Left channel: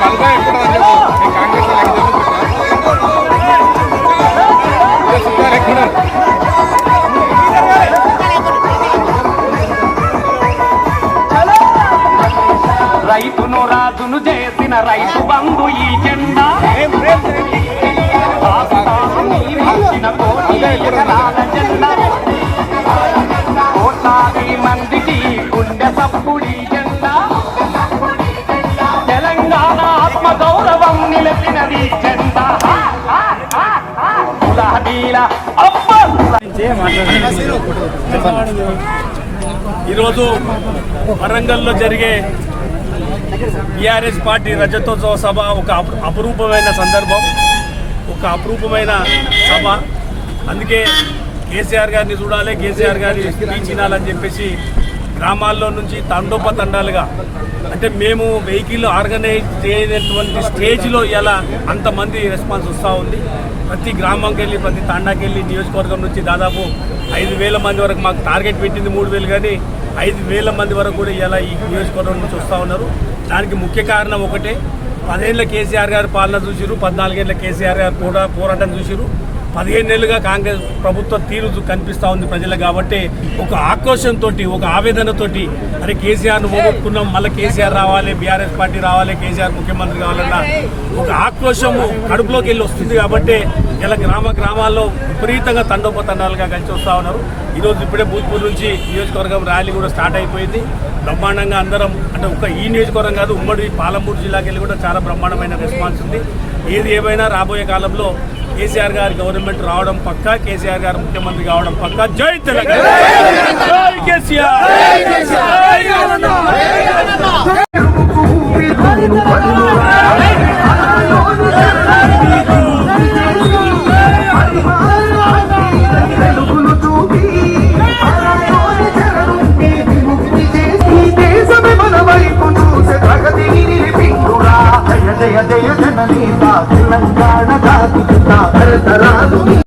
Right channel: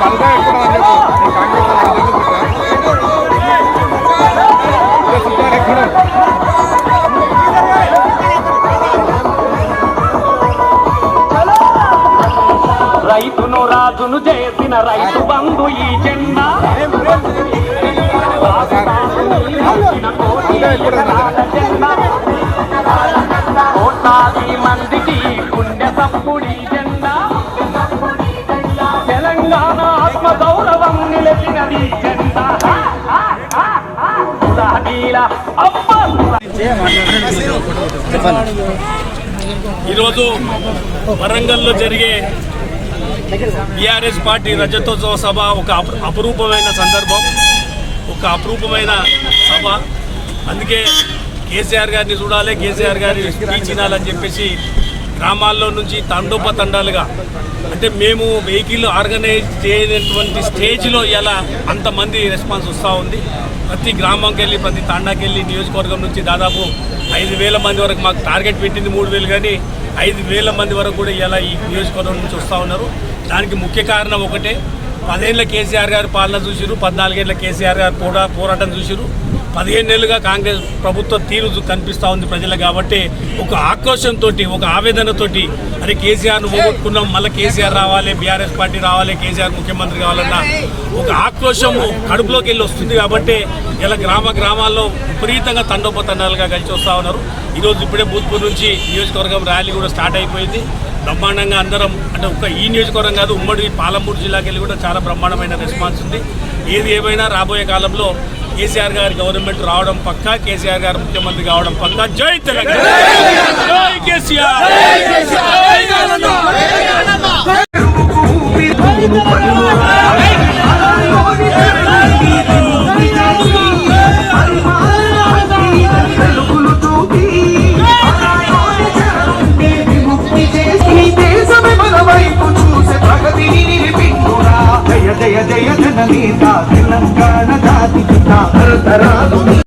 బలగా ఎక్కువ కాంగ్రెస్ రైతును రాజును చేసిన రైతు బంధు ఈ జెండా కోట్లాది మందికి గుండె తప్పుడు ఈ జెండా తెలంగాణ ఆత్మ గౌరవం నిలిపినది జెండా. ఈరోజు వరంగల్లో జరిగే టీఆర్ఎస్ పార్టీ రజతోత్సవ సభ ఒక అపురూపమైన సందర్భం, ఒక అపురూపమైన సభ. అందుకే కేసీఆర్ గారిని చూడాలి, కేసీఆర్ గారి స్పీచ్ వినాలని చెప్పేసి గ్రామాల్లో నుంచి తండోపతండాలుగా, అంటే మేము వెహికల్ ఆర్గనైజ్ చేయనటువంటి స్టేజ్లో ఇలా అంతమంది రెస్పాన్స్ వస్తూ ఉంది. ప్రతి గ్రామంకి వెళ్ళి, ప్రతి తాండాకి వెళ్ళి, నియోజకవర్గం నుంచి దాదాపు 5,000 మంది వరకు మాకు టార్గెట్ పెట్టింది 3,000, కానీ 5,000 మంది వరకు కూడా ఇలా ఈ నియోజకవర్గం నుంచి వస్తూ ఉన్నారు. దానికి ముఖ్య కారణం ఒకటే, 10 ఏళ్ళ కేసీఆర్ గారు పాలన చూసిరు, 14 ఏళ్ళ కేసీఆర్ గారు పోరాటం చూసిరు, 15 ఏళ్ళుగా కాంగ్రెస్ ప్రభుత్వ తీరు కనిపిస్తూ ఉంది ప్రజలకు. కాబట్టి ఒక ఆక్రోషంతో, ఒక ఆవేదనతోటి, అరే కేసీఆర్ను పోగొట్టుకున్నాం, మళ్ళీ కేసీఆర్ రావాలి, బీఆర్ఎస్ పార్టీ రావాలి, కేసీఆర్ ముఖ్యమంత్రి కావాలన్న ఒక ఆక్రోషం కడుపులోకి వెళ్ళి వస్తుంది. కాబట్టి ఇలా గ్రామాల్లో విపరీతంగా తండోపతండాలుగా కలిసి వస్తూ ఉన్నారు. ఈరోజు ఇప్పుడే భూత్పూర్ నుంచి నియోజకవర్గం ర్యాలీ కూడా స్టార్ట్ అయిపోయింది. బ్రహ్మాండంగా అందరం, అంటే ఒక ఈ నియోజకవర్గం కాదు, ఉమ్మడి పాలమూరు జిల్లాకి వెళ్ళి కూడా చాలా బ్రహ్మాండమైన రెస్పాన్స్ ఉంది. ఏది ఏమైనా రాబోయే కాలంలో కేసీఆర్ గారి గవర్నమెంట్ రావడం పక్కా, కేసీఆర్ గారు ముఖ్యమంత్రి కావడం పక్కా. జై తెలంగాణ, జై కేసీఆర్. జయ జయ జననేత తెలంగాణ జాతి పిత తరతరాలు